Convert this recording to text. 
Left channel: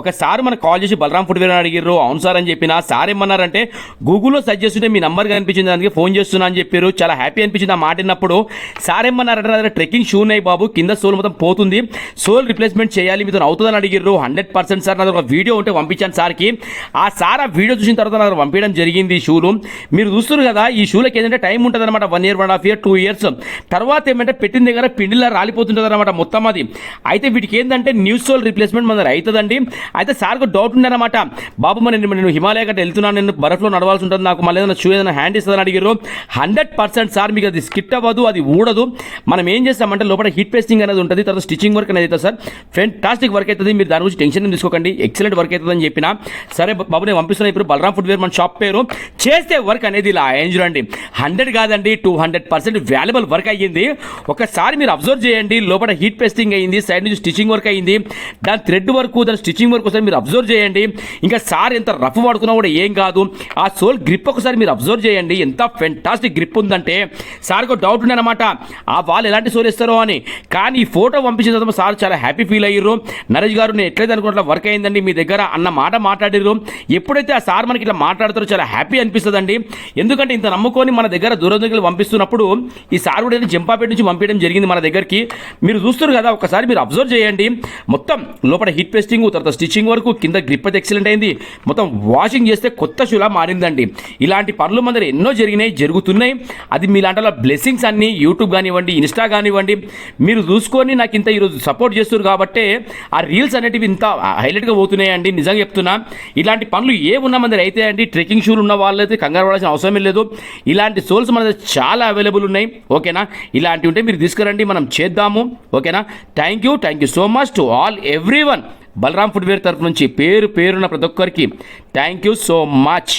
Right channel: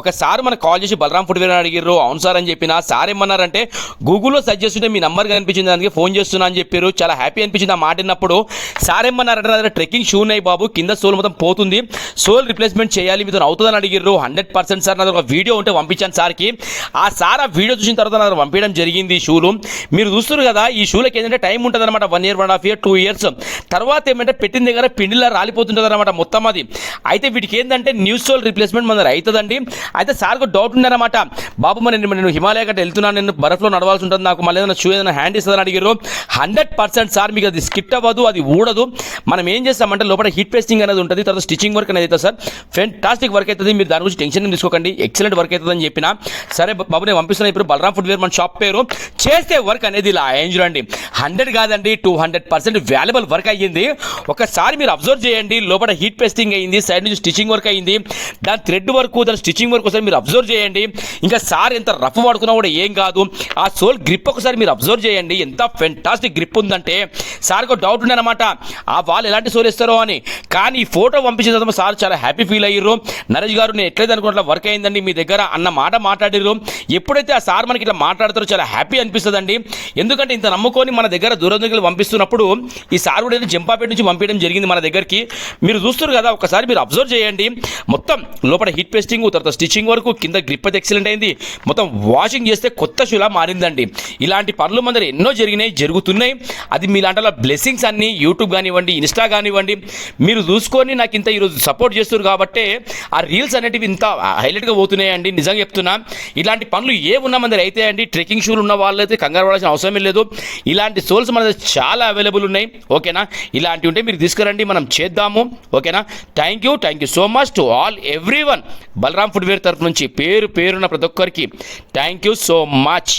ఒకసారి మనకు కాల్ చేసి బలరాం ఫుట్వేర్ అని అడిగారు. అవును సార్ అని చెప్పిన. సార్ ఏమన్నారంటే గూగుల్లో సెర్చ్ చేస్తుంటే మీ నంబర్ కనిపించింది, అందుకే ఫోన్ చేస్తున్నా అని చెప్పారు. చాలా హ్యాపీ అనిపించింది ఆ మాట విన్నప్పుడు. సార్ ఏమన్నారంటే నా దగ్గర ట్రెక్కింగ్ షూ ఉన్నాయి బాబు, కింద సోల్ మొత్తం పోతుంది, సోల్ రిప్లేస్మెంట్ చేయాలి, మీతో అవుతుందని అడిగారు. 100% సార్ నా దగ్గర ఒక వీడియో ఉంటే పంపించాను సార్కి. ఆ సార్ ఆ వీడియో చూసిన తర్వాత నా దగ్గర పంపించడం జరిగింది. ఈ షూలు మీరు చూస్తున్నారు కదా, ఈ షూలకి ఏంటంటే టైం ఉంటుంది అనమాట. 1 year, 1.5 year, 2 years తర్వాత ఏమంటే పెట్టిన దగ్గర పిండిలా రాలిపోతుంటుంది అనమాట మొత్తం అది. అయితే వీటికి ఏంటంటే న్యూ సోల్ రిప్లేస్మెంట్ మన దగ్గర అవుతుందండి. అయితే సార్కు డౌట్ ఉందన్నమాట, బాబు మరి నేను హిమాలయ గట్ట వెళ్తున్నాను, నేను బరఫ్లో నడవాల్సి ఉంటుంది, నాకు మళ్ళీ ఏదైనా షూ ఏదైనా హ్యాండ్ ఇస్తుందని అడిగారు. 100% సార్ మీకు అది స్కిట్ అవ్వదు, అది ఊడదు. మనం ఏం చేస్తామంటే లోపల హీట్ పేస్టింగ్ అనేది ఉంటుంది, తర్వాత స్టిచ్చింగ్ వర్క్ అనేది అవుతుంది సార్. ఫెంటాస్టిక్ వర్క్ అవుతుంది, మీరు దాని గురించి టెన్షన్ తీసుకోకండి, ఎక్సలెంట్ వర్క్ అవుతుంది అని చెప్పిన. సరే బాబు నేను పంపిస్తున్నా, ఇప్పుడు బలరాం ఫుట్వేర్ మన షాప్ పేరు. చేస్తే వర్క్ అనేది ఇలా చూడండి, 100 కాదండి 200% వాల్యుబుల్ వర్క్ అయ్యింది. ఒకసారి మీరు అబ్జర్వ్ చేయండి, లోపల హీట్ పేస్టింగ్ అయ్యింది, సైడ్ నుంచి స్టిచ్చింగ్ వర్క్ అయ్యింది, దాని థ్రెడ్ వర్క్, దాని స్టిచ్చింగ్ వర్క్ ఒకసారి మీరు అబ్జర్వ్ చేయండి. ఇంకా సార్ ఎంత రఫ్ వాడుతున్నా కూడా ఏం కాదు. ఆ సోల్ గ్రిప్ ఒకసారి మీరు అబ్జర్వ్ చేయండి, ఎంత ఫెంటాస్టిక్ గ్రిప్ ఉందంటే. సార్కు డౌట్ ఉండనమాట ఆ వాళ్ళు ఎలాంటి సోల్ ఇస్తారో అని, కానీ ఈ ఫోటో పంపించిన తర్వాత సార్ చాలా హ్యాపీ ఫీల్ అయ్యారు. నరేష్ గారు నేను ఎట్లయితే అనుకున్నట్లు వర్క్ అయిందండి మీ దగ్గర అన్న మాట మాట్లాడారు. ఎప్పుడైతే ఆ సార్ మనకి ఇట్లా మాట్లాడతారో చాలా హ్యాపీ అనిపిస్తుందండి. ఎందుకంటే ఇంత నమ్ముకొని మన దగ్గర దూరం దగ్గర పంపిస్తున్నప్పుడు ఈ సార్ కూడా జంపాపేట నుంచి పంపించడం జరిగింది మన దగ్గరికి. మీరు చూస్తున్నారు కదా, ఒకసారి మీరు అబ్జర్వ్ చేయండి, మొత్తం లోపల హీట్ పేస్టింగ్, తర్వాత స్టిచ్చింగ్ వరకు, కింద గ్రిప్ అయితే ఎక్సలెంట్ అయింది, మొత్తం వాషింగ్ చేస్తే కొత్త షూలా మారిందండి. ఇలాంటి పనులు మన దగ్గర ఎన్నో జరిగినాయి, జరుగుతున్నాయి. అది మీలాంటి బ్లెస్సింగ్స్ అన్ని యూట్యూబ్ కానివ్వండి, ఇన్స్టా కానివ్వండి, మీరు చూసుకొని నాకు ఇంత ఈరోజు సపోర్ట్ చేస్తున్నారు కాబట్టి ఆ రీల్స్ అనేటివి ఇంత హైలైట్గా పోతున్నాయండి. నిజంగా చెప్తున్నా, ఇలాంటి పనులు ఏమున్నా మన దగ్గర అయితే అండి, ట్రెక్కింగ్ షూలు ఉన్న వాళ్ళైతే కంగారు పడాల్సిన అవసరమే లేదు. ఇలాంటి సోల్స్ మన దగ్గర చాలా అవైలబుల్ ఉన్నాయి. ఓకేనా, ఇలాంటివి ఉంటే మీరు తీసుకురండి, మనం చేద్దాము. ఓకేనా, thank you so much to all everyone. Balaram footwear తరఫు నుంచి పేరున ప్రతి ఒక్కరికి థ్యాంక్ యూ సో మచ్.